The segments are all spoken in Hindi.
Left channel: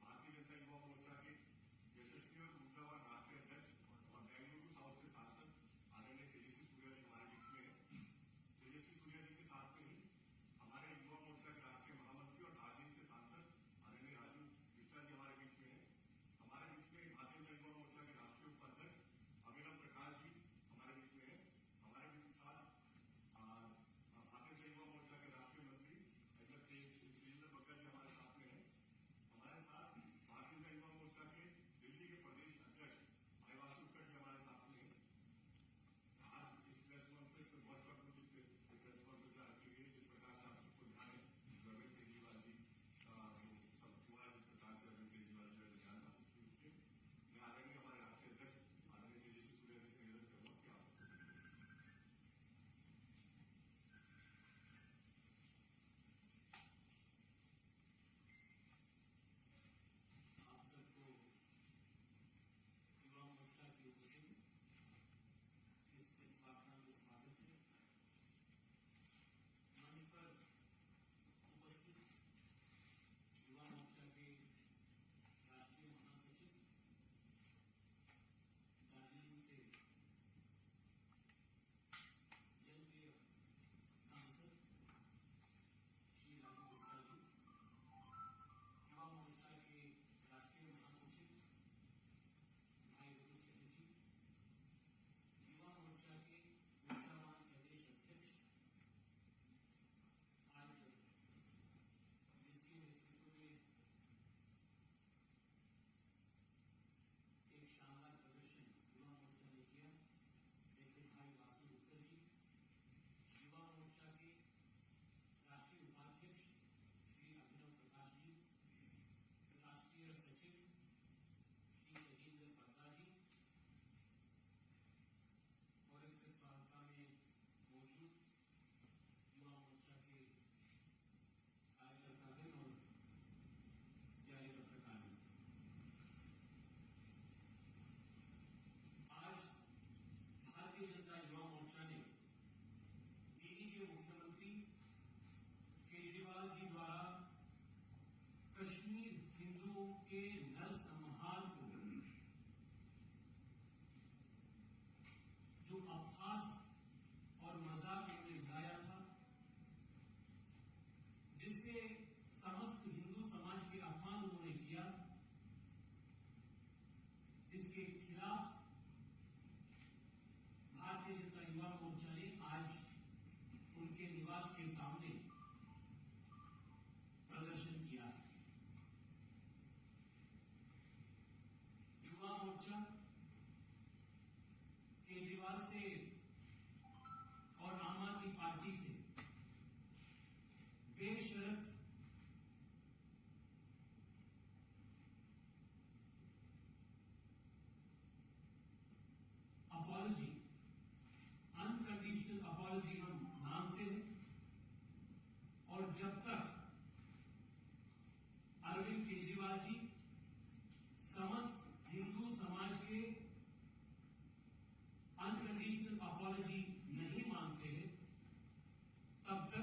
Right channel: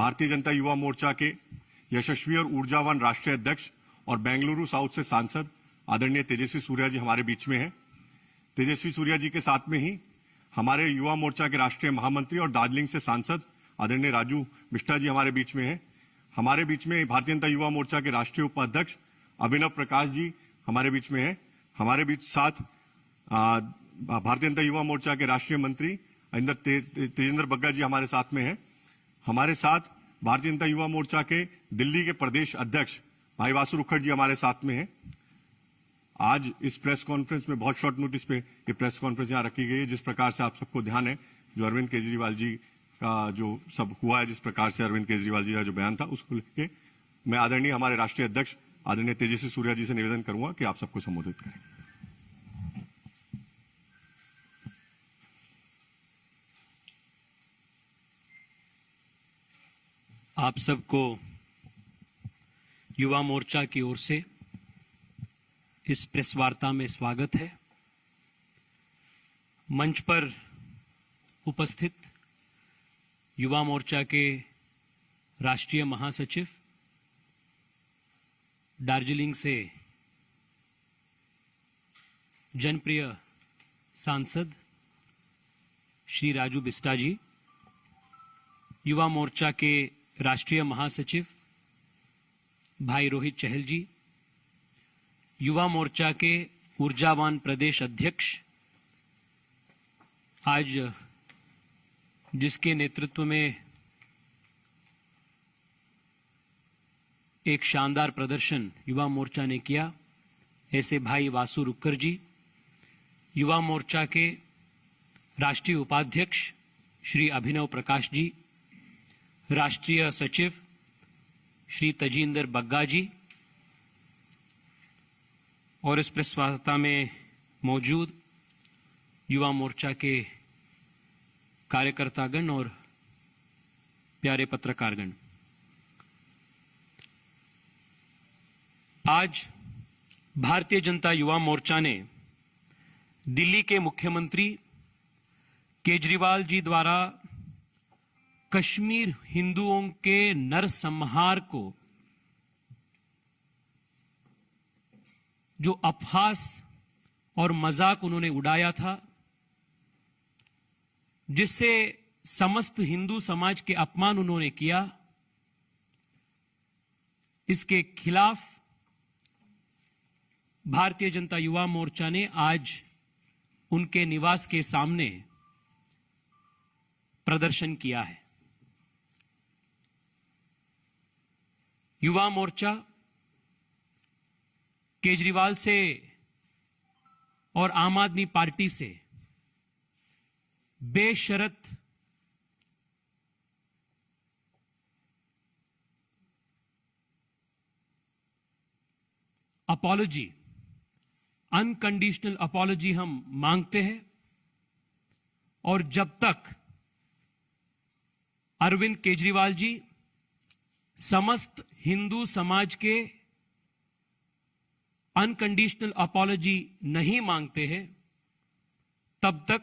भारतीय जनता युवा मोर्चा के यशस्वी और ऊर्जावान राष्ट्रीय अध्यक्ष और बेंगलुरु साउथ से सांसद आदरणीय तेजस्वी सूर्या जी हमारे बीच में हैं। तेजस्वी सूर्या जी के साथ में ही हमारे युवा मोर्चा के राष्ट्रीय महामंत्री और दार्जिलिंग से सांसद आदरणीय राजू बिष्टा जी हमारे बीच में हैं। हमारे बीच में भारतीय जनता युवा मोर्चा के राष्ट्रीय उपाध्यक्ष अभिनव प्रकाश जी हमारे बीच में हैं। हमारे बीच साथ भारतीय जनता युवा मोर्चा के राष्ट्रीय मंत्री तेजेंद्र बग्गा जी हमारे साथ में हैं। हमारे साथ भारतीय जनता युवा मोर्चा के दिल्ली के प्रदेश अध्यक्ष भाई वासु रुखड़ जी हमारे साथ में हैं। आज इस प्रेस कॉन्फ्रेंस में बहुत शॉर्ट नोटिस पे ये प्रेस कॉन्फ्रेंस यहाँ रखी गई है। जिस प्रकार से आप सबको ध्यान है, जो अरविंद केजरीवाल जी का जो सब हुआ है, जिस प्रकार से अरविंद केजरीवाल जी का जो बयान था, उसको लेके मैं आदरणीय हमारे राष्ट्रीय अध्यक्ष आदरणीय तेजस्वी सूर्या जी से निवेदन करूंगा कि आप सबको संबोधित करें। आप सबको युवा मोर्चा की ओर से इस प्रेस वार्ता में स्वागत है। मंच पर उपस्थित युवा मोर्चा के राष्ट्रीय महासचिव, दार्जिलिंग से जनप्रिय सांसद श्री राजू बिष्टा जी, युवा मोर्चा के राष्ट्रीय महासचिव भाई रोहित चहल जी, युवा मोर्चा के ऊर्जावान प्रदेश अध्यक्ष, आज जिसके नेतृत्व में एक शानदार प्रदर्शन युवा मोर्चा ने किया, ऐसे भाई वासु रुक्कर जी, युवा मोर्चा के राष्ट्रीय उपाध्यक्ष श्री अभिनव प्रकाश जी, राष्ट्रीय सचिव श्री तेजेंद्र बग्गा जी और इस प्रेस वार्ता में मौजूद युवा मोर्चा के कार्यकर्तागण और प्यारे पत्रकारगण। आज भारतीय जनता युवा मोर्चा ने दिल्ली के मुख्यमंत्री केजरीवाल जी द्वारा कश्मीर हिंदुओं के नरसंहार को जो अपहास और मजाक उन्होंने उड़ाया था, जिससे समस्त हिंदू समाज के अपमान उन्होंने किया, इसके खिलाफ भारतीय जनता युवा मोर्चा ने आज उनके निवास के सामने प्रदर्शन किया है। युवा मोर्चा केजरीवाल से और आम आदमी पार्टी से बेशर्त अपॉलॉजी, अनकंडीशनल अपॉलॉजी हम मांगते हैं। और जब तक अरविंद केजरीवाल जी समस्त हिंदू समाज के अनकंडीशनल अपॉलॉजी नहीं मांगते हैं, तब तक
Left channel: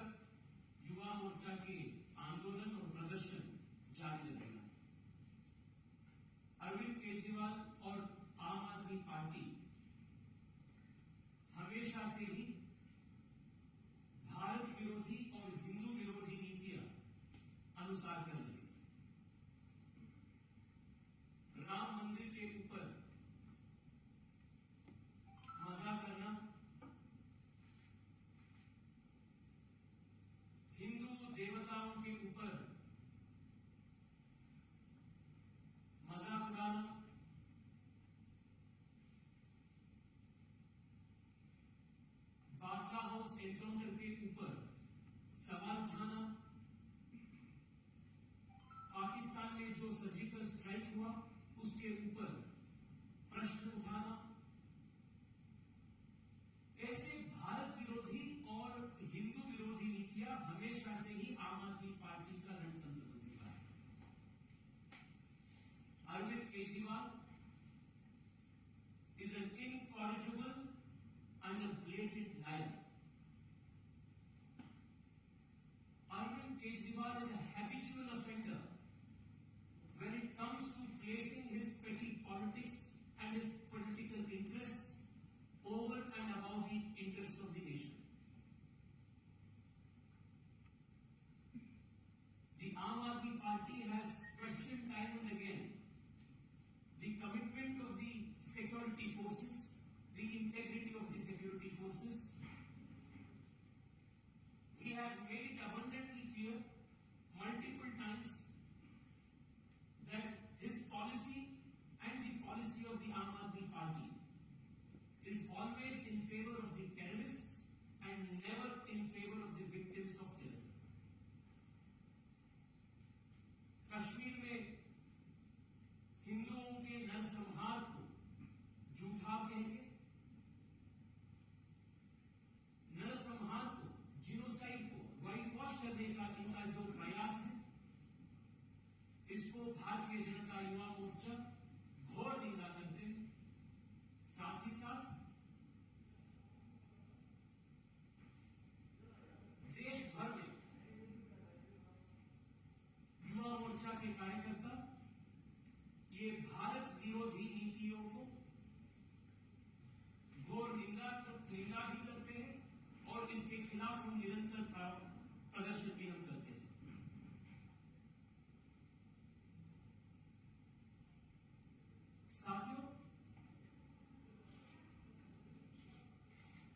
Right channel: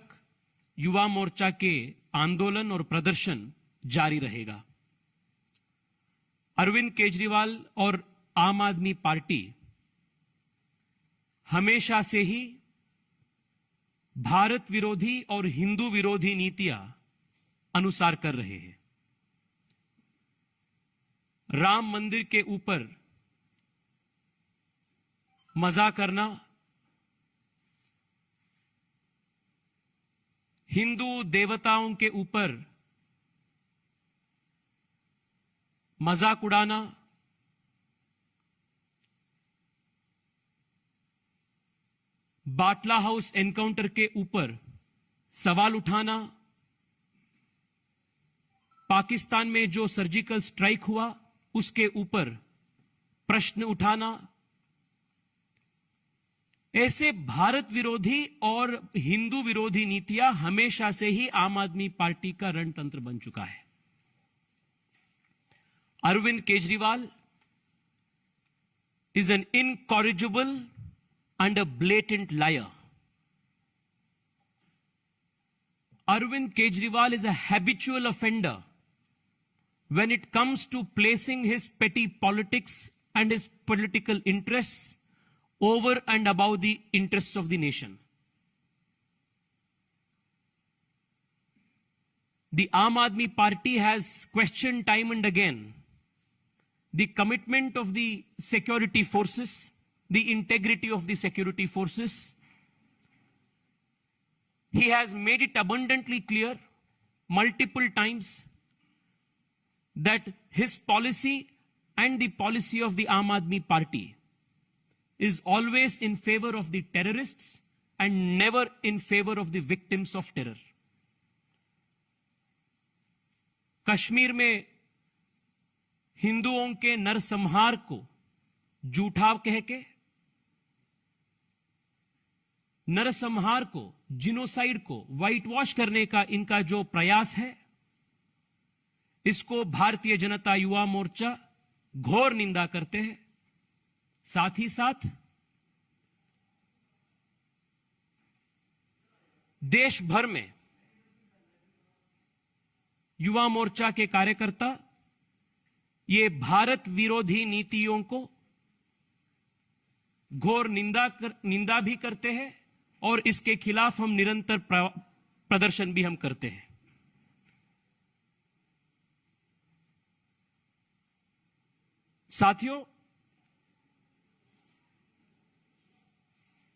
युवा मोर्चा के आंदोलन और प्रदर्शन जारी रहेगा। अरविंद केजरीवाल और आम आदमी पार्टी हमेशा से ही भारत विरोधी और हिंदू विरोधी नीतियां अनुसार कर रहे हैं। राम मंदिर के ऊपर मजा करना, हिंदू देवताओं के ऊपर मजाक उड़ाना, बाटला हाउस एनकाउंटर के ऊपर सवाल उठाना, पाकिस्तान में जो सर्जिकल स्ट्राइक हुआ उसके ऊपर प्रश्न उठाना, ऐसे भारत विरोधी और हिंदू विरोधी नीतियां हमेशा से ही आम आदमी पार्टी का रणतंत्र बन चुका है। Arvind Kejriwal is an incorrigible and a blatant liar. Arvind Kejriwal is a habitual offender when it comes to placing his petty politics and his political interests over and above the interests of the nation. The Aam Aadmi Party has questioned time and again the commitment of the security forces, the integrity of the security forces. He has made it abundantly clear multiple times that his policy and the policy of the Aam Aadmi Party is always in favor of the terrorists and never in favor of the victims of terror. Kashmir में हिंदुओं के नरसंहार को झूठा कह के, नरसंहार को, जिनोसाइड को व्हाइट वॉश करने का इनका जो प्रयास है, इसको भारतीय जनता युवा मोर्चा घोर निंदा करते हैं। साथ ही साथ देश भर में युवा मोर्चा के कार्यकर्ता ये भारत विरोधी नीतियों को घोर निंदा भी करते हैं और इसके खिलाफ हम निरंतर प्रदर्शन भी हम करते हैं। साथियों,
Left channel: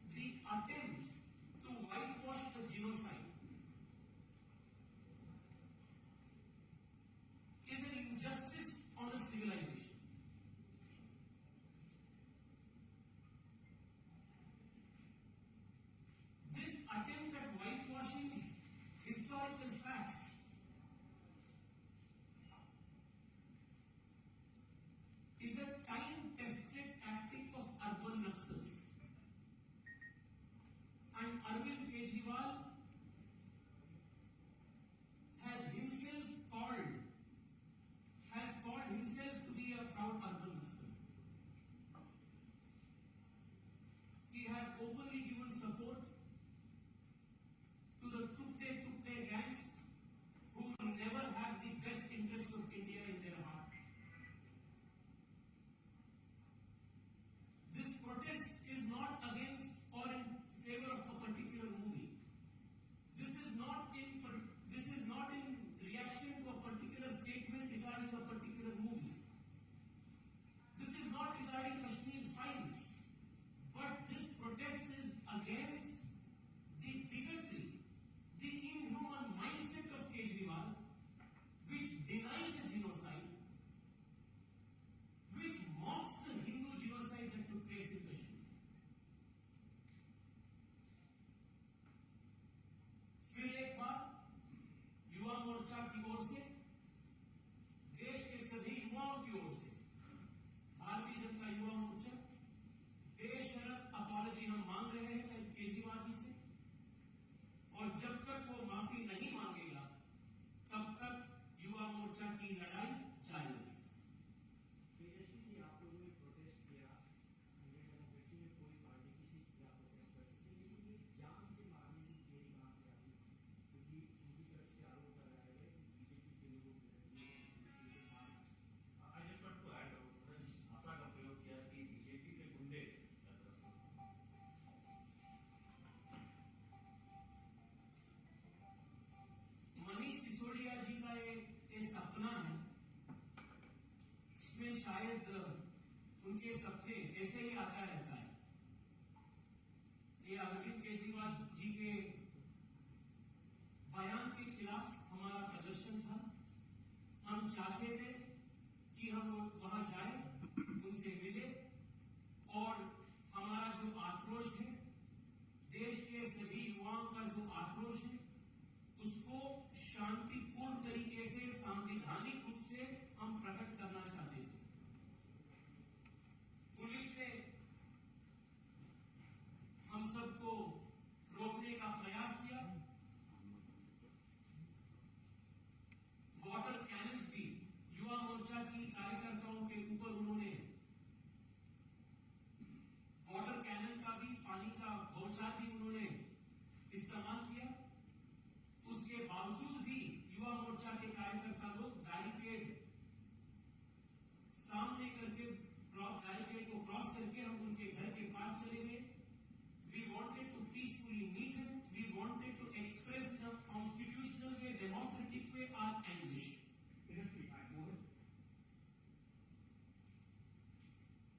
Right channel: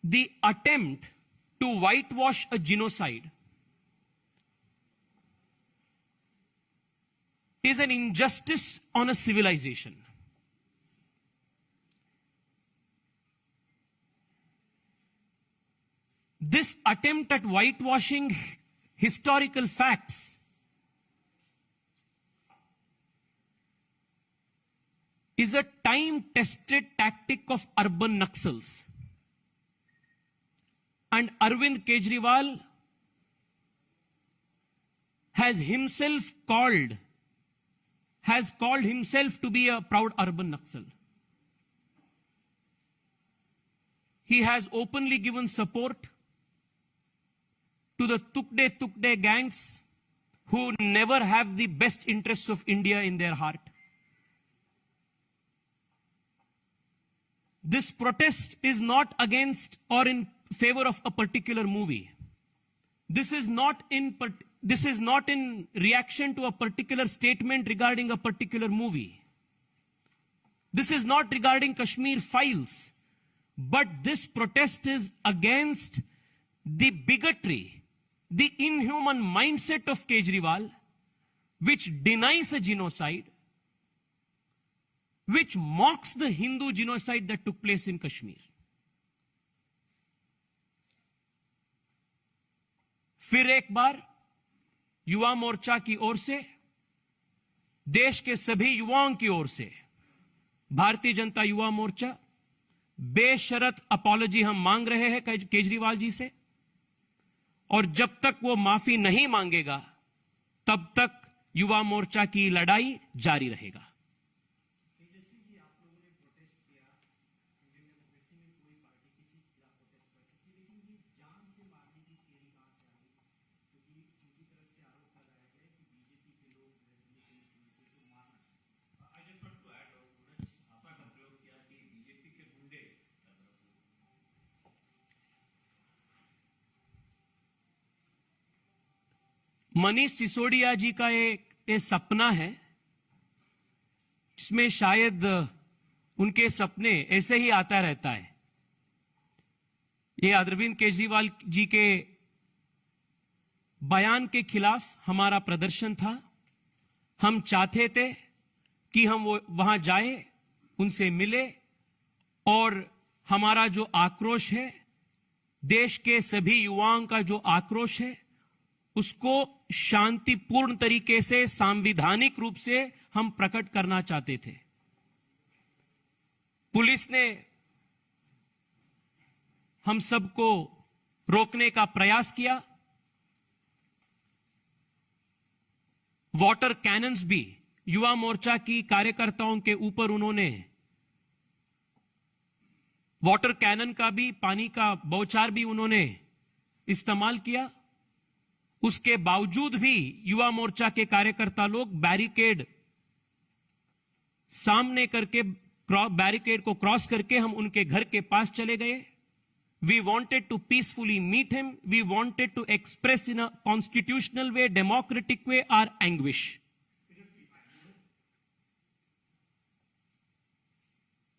the attempt to whitewash a genocide is an injustice on a civilization. This attempt at whitewashing historical facts is a time-tested tactic of urban Naxals. And Arvind Kejriwal has called himself to be a proud urban Naxal. He has openly given support to the Tukde gangs who never have the best interests of India in their heart. This protest is not against or in favor of a particular movie. This is not in reaction to a particular statement regarding a particular movie. This is not regarding Kashmir Files, but this protest is against the bigotry, the inhuman mindset of Kejriwal, which denies a genocide, which mocks the Hindu genocide that took place in Kashmir. फिर एक बार युवा मोर्चा की ओर से, देश के सभी युवाओं की ओर से भारतीय जनता युवा मोर्चा बेशर्त अपॉलजी हम मांग रहे हैं केजरीवाल जी से, और जब तक वो माफी नहीं मांगेगा तब तक युवा मोर्चा की लड़ाई जारी रहेगा। मनीष सिसोदिया जी का एक सपना है, जिसमें शायद उनके सपने ऐसे ही आता रहता है। ये अरविंद केजरीवाल जी के बयान के खिलाफ हमारा प्रदर्शन था। हम चाहते थे कि हम वो वहां जाए, उनसे मिले और हमारा जो आक्रोश है, देश के सभी युवाओं का जो आक्रोश है, उसको शांतिपूर्ण तरीके से, संवैधानिक रूप से हम प्रकट करना चाहते थे। पुलिस ने हम सबको रोकने का प्रयास किया। वाटर कैनन्स भी युवा मोर्चा की कार्यकर्ताओं के ऊपर उन्होंने वाटर कैनन का भी, पानी का बौछार भी उन्होंने इस्तेमाल किया। उसके बावजूद भी युवा मोर्चा के कार्यकर्ता लोग बैरिकेड सामने करके बैरिकेड को क्रॉस करके हम उनके घर के पास चले गए. We wanted to peacefully meet him. We wanted to express in a constitutional way, democratic way, our anguish.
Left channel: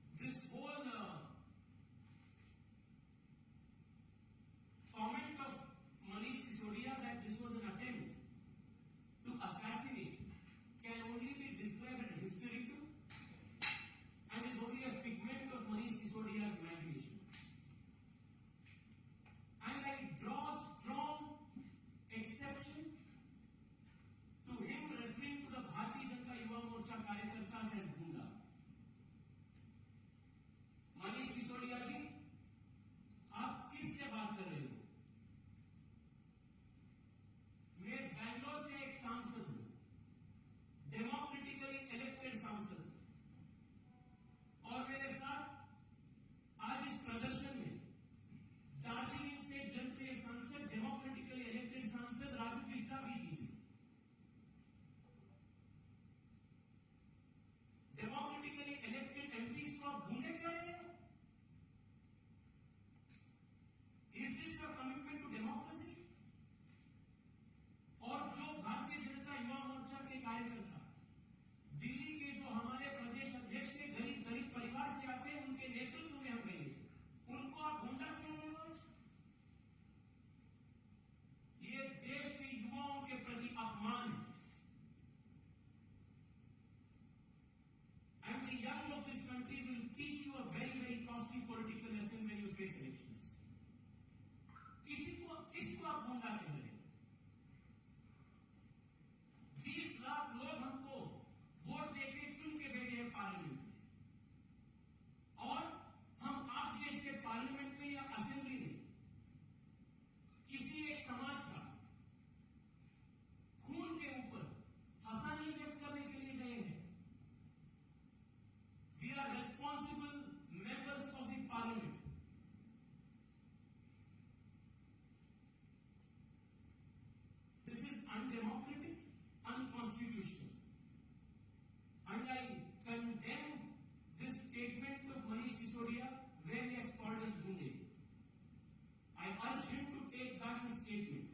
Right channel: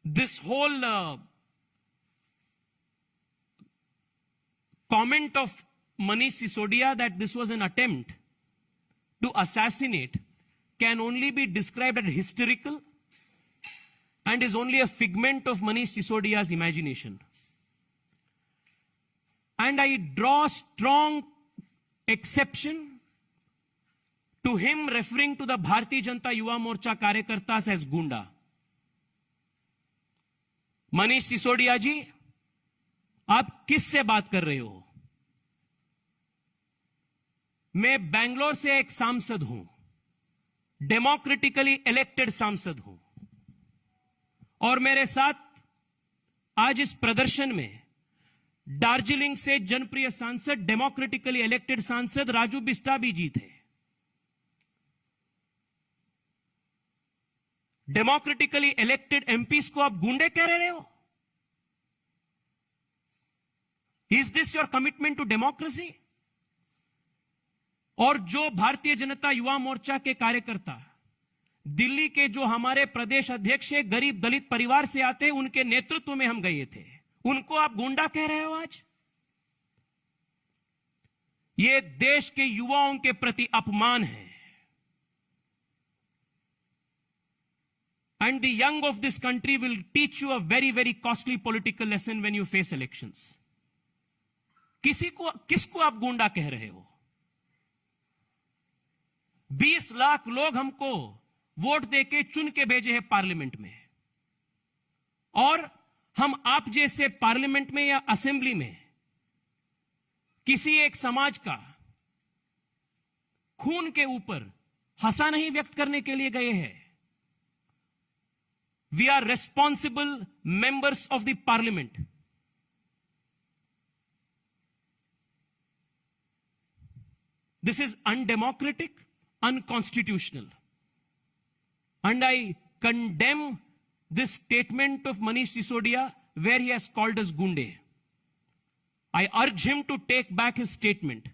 This whole comment of Manish Sisodia that this was an attempt to assassinate can only be described as hysterical and is only a figment of Manish Sisodia's imagination. And I draw strong exception to him referring to the Bharatiya Janata Yuva Morcha Karyakartas as Gunda. Manish Sisodia जी, आप किससे बात कर रहे हो? मैं बेंगलोर से एक सांसद हूं, डेमोक्रेटिकली इलेक्टेड सांसद हूं, और मेरे साथ आज इस प्रदर्शन में दार्जिलिंग से जनप्रिय सांसद, डेमोक्रेटिकली इलेक्टेड सांसद राजू बिस्टाबी जी थे. डेमोक्रेटिकली इलेक्टेड एमपीज को आप गुंडे कह रहे हो? Is this your commitment to democracy? और जो भारतीय जनता युवा मोर्चा के कार्यकर्ता दिल्ली के जो हमारे प्रदेश अध्यक्ष है, गरीब दलित परिवार से आते हैं, उनके नेतृत्व में हम गए थे, उनको आप गुंडा कह रहे हो आज? ये देश के युवाओं के प्रति अपमान है. And the young of this country will teach you a very, very costly political lesson when you face elections. किसको आप गुंडा कह रहे हो? 20 लाख लोग हमको वोट देके चुन के भेजे हैं पार्लियामेंट में, और हम आप जैसे पार्लियामेंट में या असेंबली में किसी एक समाज का खून के ऊपर हंसा नहीं व्यक्त करने के लिए गए हैं. We are responsible members of the parliament. This is undemocratic, unconstitutional. And I condemn this statement of Manish Sisodia where he has called us gunde. I urge him to take back his statement.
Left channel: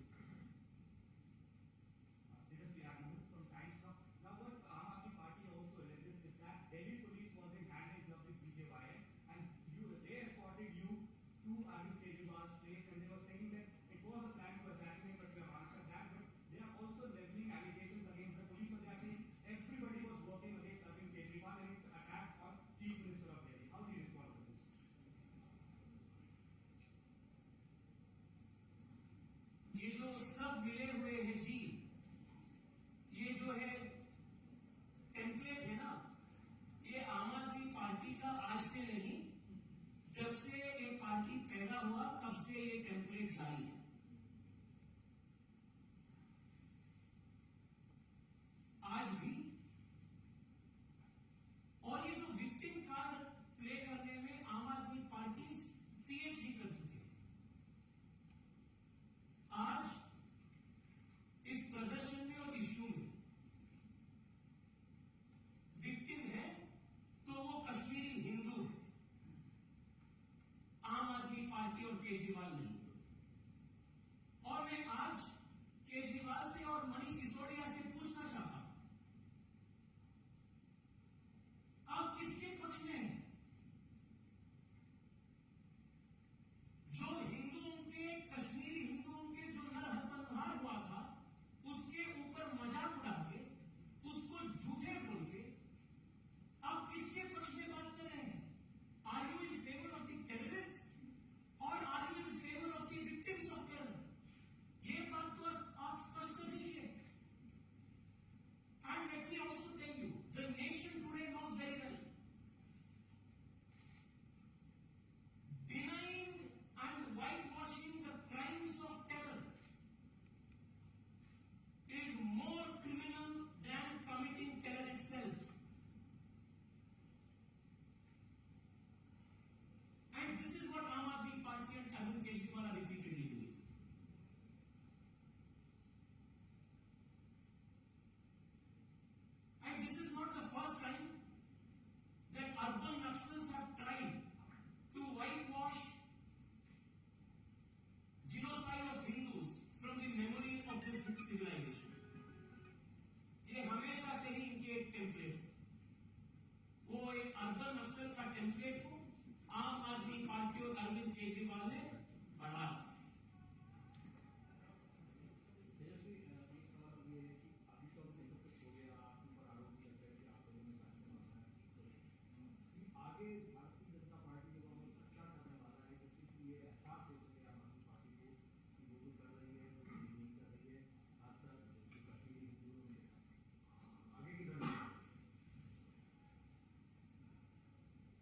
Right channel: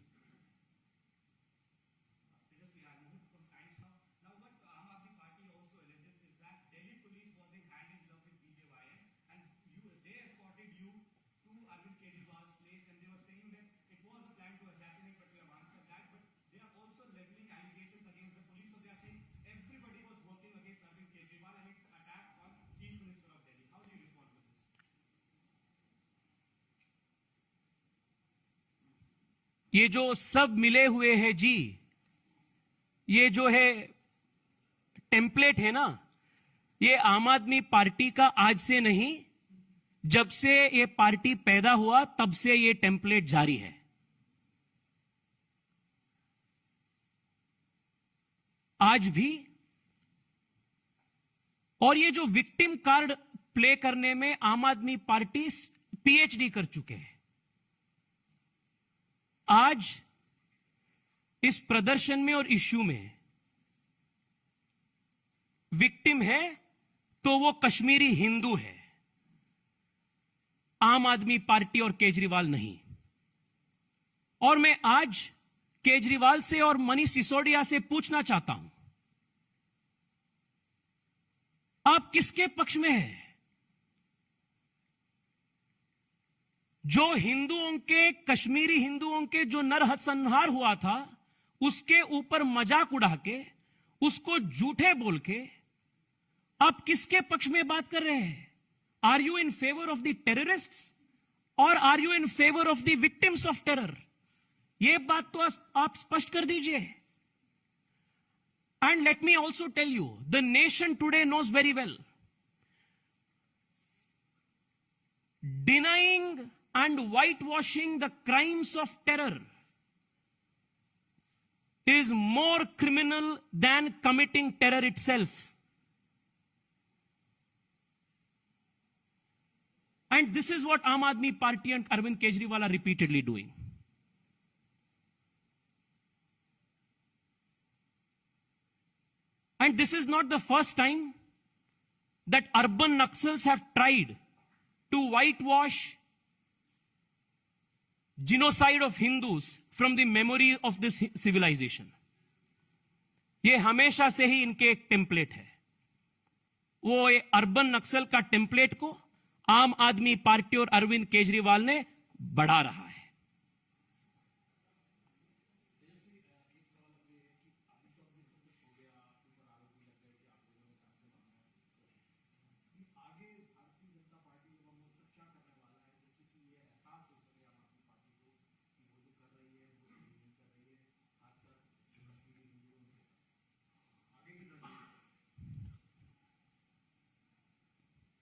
ये जो सब मिले हुए हैं जी, ये जो है टेम्पलेट है ना, ये आम आदमी पार्टी का आज से नहीं, जब से ये पार्टी पैदा हुआ तब से ये टेम्पलेट जारी है. आज भी. और ये जो विक्टिम कार्ड प्ले करने में आम आदमी पार्टी पीएचडी कर चुके हैं. आज इस प्रदर्शन में और इश्यू में विक्टिम है तो वो कश्मीरी हिंदू है, आम आदमी पार्टी और केजरीवाल नहीं. और मैं आज केजरीवाल से और मनीष सिसोदिया से पूछना चाहता हूं, आप किसके पक्ष में हैं? जो हिंदुओं के, कश्मीरी हिंदुओं के जो नरसंहार हुआ था, उसके ऊपर मजाक उड़ा के, उसको झूठे बोल के आप किसके पक्ष में बात कर रहे हैं? Are you in favour of the terrorists और are you in favour of the victims of terror? यह बात तो आप स्पष्ट कर दीजिए. And let me also tell you, the nation today knows very well, denying and whitewashing the crimes of terror is more criminal than committing terror itself. And this is what Aam Aadmi Party and Arvind Kejriwal are repeatedly doing. And this is not the first time that urban Naxals have tried to whitewash genocide of Hindus from the memory of this civilization. ये हमेशा से ही इनके एक टेम्पलेट है. वो अर्बन नक्सल का टेम्पलेट को आम आदमी पार्टी और अरविंद केजरीवाल ने बढ़ा रहा है.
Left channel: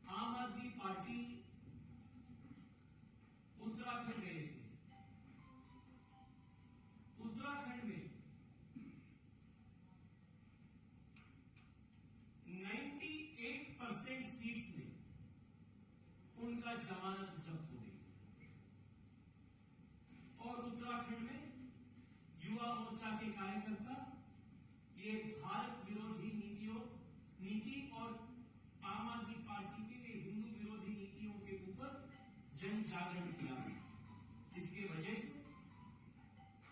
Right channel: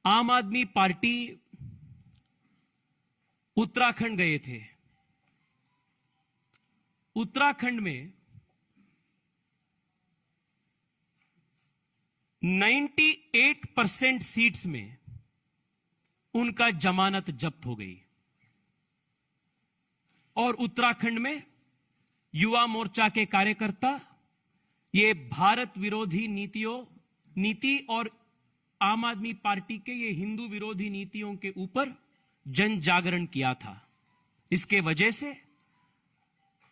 आम आदमी पार्टी उत्तराखंड गए थे. उत्तराखंड में 98% सीट्स में उनका जमानत जब्त हो गई. और उत्तराखंड में युवा मोर्चा के कार्यकर्ता ये भारत विरोधी नीति और आम आदमी पार्टी के ये हिंदू विरोधी नीतियों के ऊपर जन जागरण किया था. इसके वजह से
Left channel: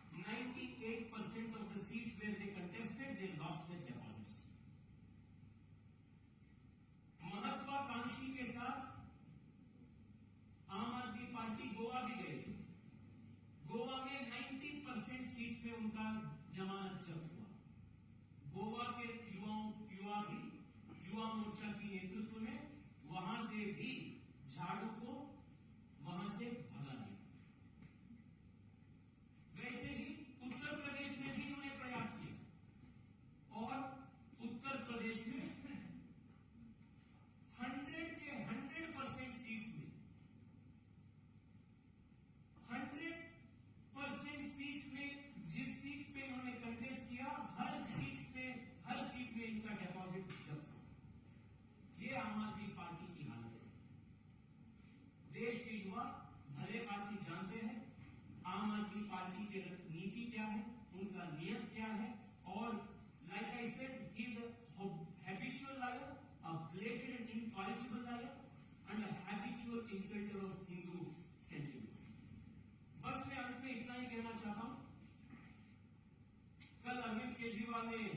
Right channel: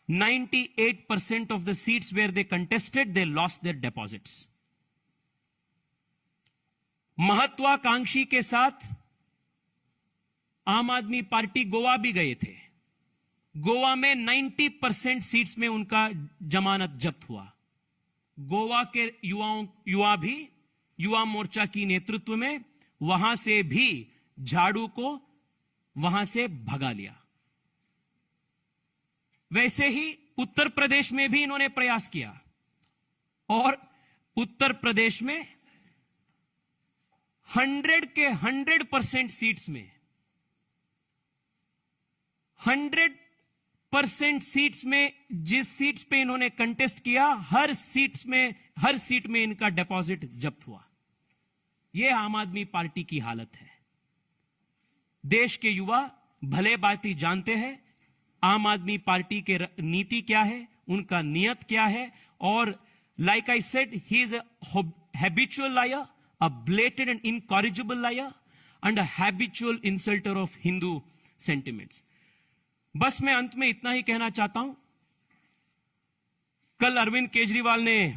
98% of the seats where they contested they lost their deposits. महत्वाकांक्षी के साथ आम आदमी पार्टी गोवा भी गए थे. गोवा में 90% सीट्स में उनका जमानत जब्त हुआ. गोवा के युवा भी युवा मोर्चा की नेतृत्व में वहां से भी झाड़ू को वहां से भगा लिया. वैसे ही उत्तर प्रदेश में भी इन्होंने प्रयास किया और उत्तर प्रदेश में 100 के 100% सीट्स में 100% सीट्स में जिस सीट्स पे इन्होंने कंटेस्ट किया हर सीट में इनका डिपॉजिट जब्त हुआ. यह आम आदमी पार्टी की हालत है. देश के युवा भले बाती जानते हैं आम आदमी पार्टी के नीति क्या है, उनका नियत क्या है. और like I said, he is a habitual liar, a blatant and incorrigible liar and a habitual insulter of Hindu sentiments. बस मैं अंत में इतना ही कहना चाहता हूं. कल अरविंद केजरीवाल ने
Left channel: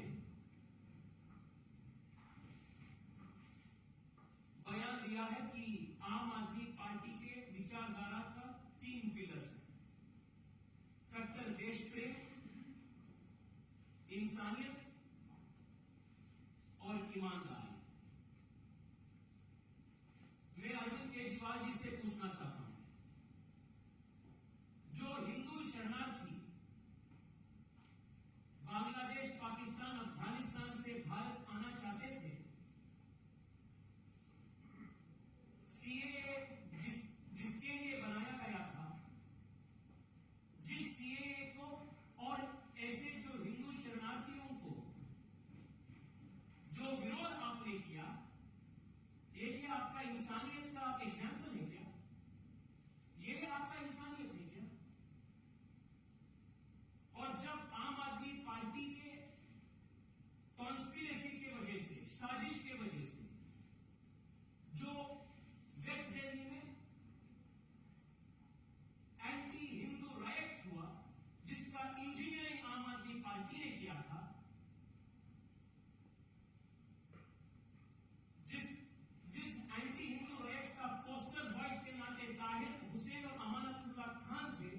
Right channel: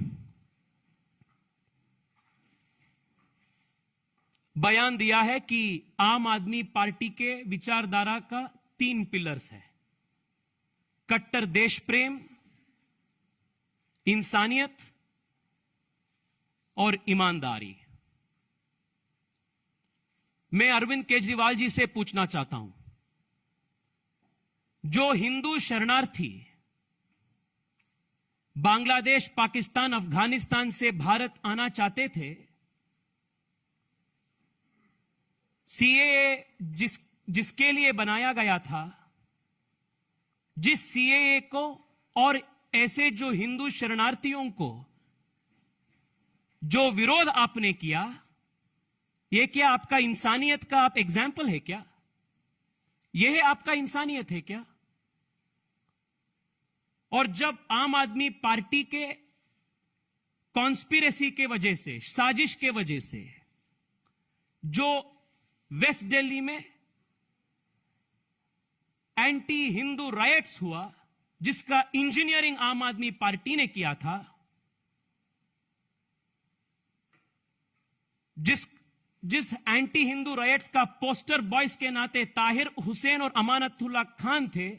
बयान दिया है कि आम आदमी पार्टी के विचारधारा का 3 पिलर्स है: कट्टर देश प्रेम, इंसानियत और ईमानदारी. मैं अरविंद केजरीवाल जी से पूछना चाहता हूं, जो हिंदू शरणार्थी बांग्लादेश, पाकिस्तान, अफगानिस्तान से भारत आना चाहते थे, सीएए जिसके लिए बनाया गया था, जिस सीएए को और ऐसे जो हिंदू शरणार्थियों को जो विरोध आपने किया, यह क्या आपका इंसानियत का आप एग्जाम्पल है क्या? यह आपका इंसानियत है क्या? और जब आम आदमी पार्टी के कॉन्स्पिरेसी के वजह से, साजिश के वजह से जो वेस्ट दिल्ली में एंटी हिंदू रायट्स हुआ, जिसका इंजीनियरिंग आम आदमी पार्टी ने किया था, जिस एंटी हिंदू रायट्स का पोस्टर बॉयज के नाते ताहिर हुसैन और अमानतुल्लाह खान थे,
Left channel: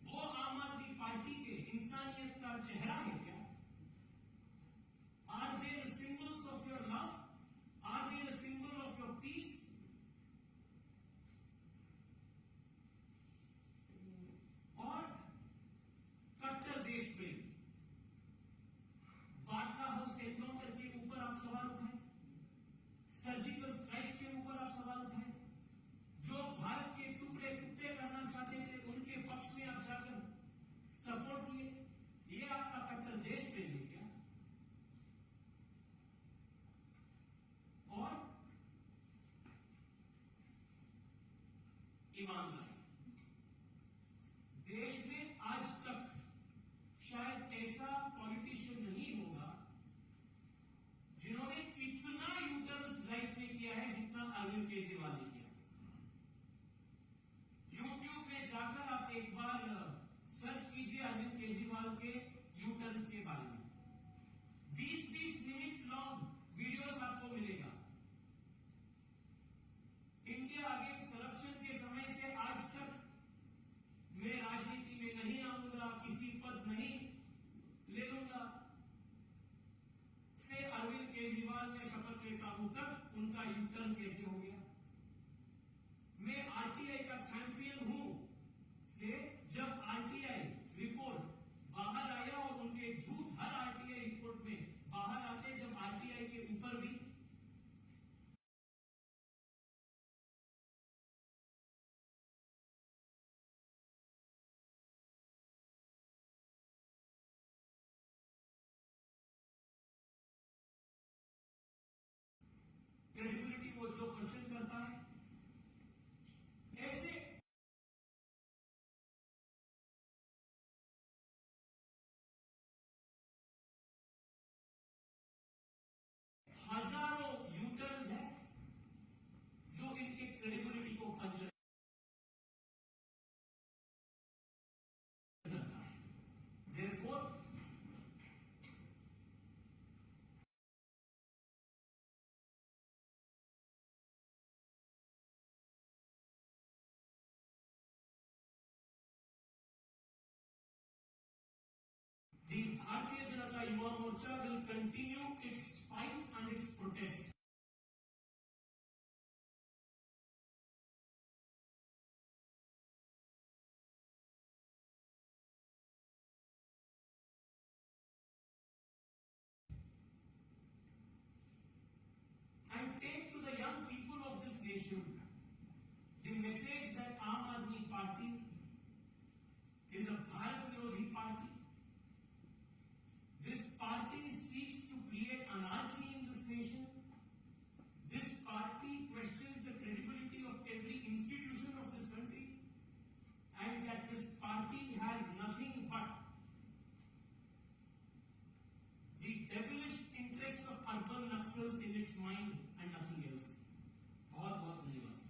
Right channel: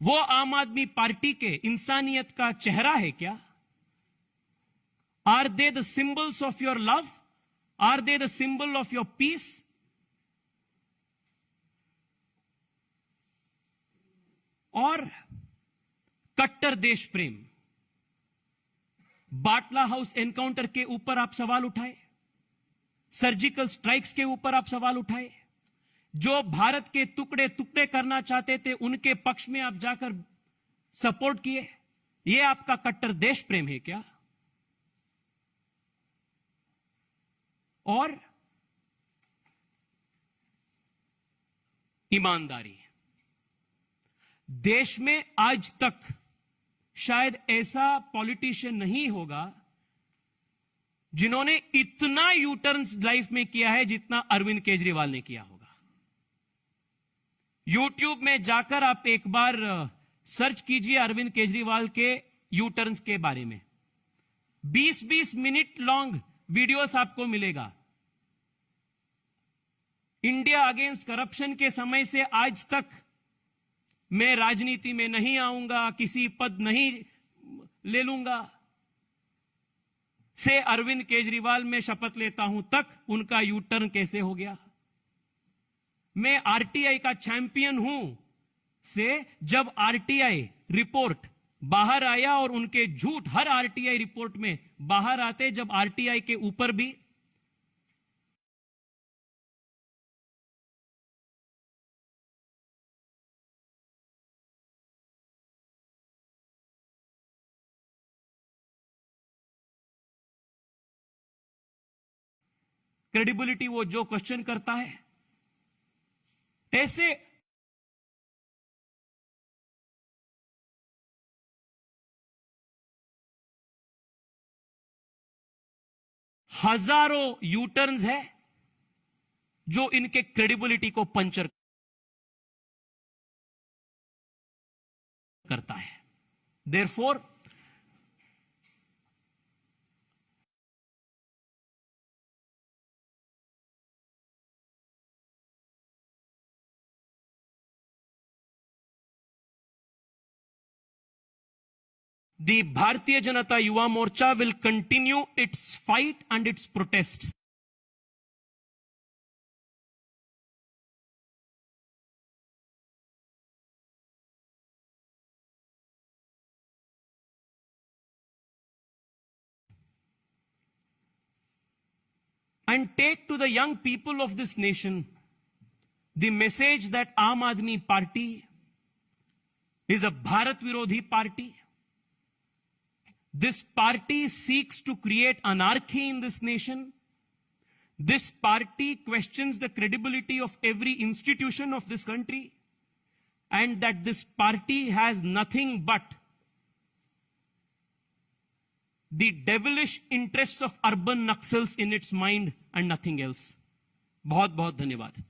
वो आम आदमी पार्टी के इंसानियत का चेहरा है क्या? Are they the symbols of your love? Are they the symbol of your peace? और कट्टर देश प्रेम, बाटला हाउस एनकाउंटर के ऊपर आप सवाल उठाए, सर्जिकल स्ट्राइक्स के ऊपर आप सवाल उठाए, जो भारत के टुकड़े टुकड़े करना चाहते थे उनके पक्ष में आप जाकर सपोर्ट किए. यह आपका कट्टर देश प्रेम है क्या? और ईमानदारी. देश में आज तक शायद ऐसा पॉलिटिशियन नहीं होगा जिन्होंने इतना यू टर्न लाइफ में किया है जितना अरविंद केजरीवाल ने किया होगा। यूट्यूब में जाकर आप एक बार सर्च कीजिए अरविंद केजरीवाल के यू टर्न्स के बारे में, 20-20 मिनट लॉन्ग वीडियोस आपको मिलेगा। इंडिया अगेंस्ट करप्शन के समय से आज तक मैं राजनीति में नहीं आऊंगा, किसी पद नहीं ले लूंगा, से अरविंद केजरीवाल में शपथ लेता हूं तक उनका यू टर्न कैसे हो गया। मैं आरटीआई का चैंपियन हूं से जब आरटीआई रिपोर्ट बाहर आया और उनके झूठ हर आरटीआई रिपोर्ट में बाहर आते, जब आरटीआई के ऊपर भी क्रेडिबिलिटी वो जो क्वेश्चन करता है, ऐसे हजारों यू टर्न्स है जो इनके क्रेडिबिलिटी को पंचर करता है। Therefore the Bharatiya Janata Yuva Morcha will continue its fight and its protest and take to the young people of this nation the message that Aam Aadmi Party is a Bharat Virodhi party. This party seeks to create anarchy in this nation. This party questions the credibility of every institution of this country, and that this party has nothing but the devilish interests of urban Naxals in its mind and nothing else. बहुत बहुत धन्यवाद।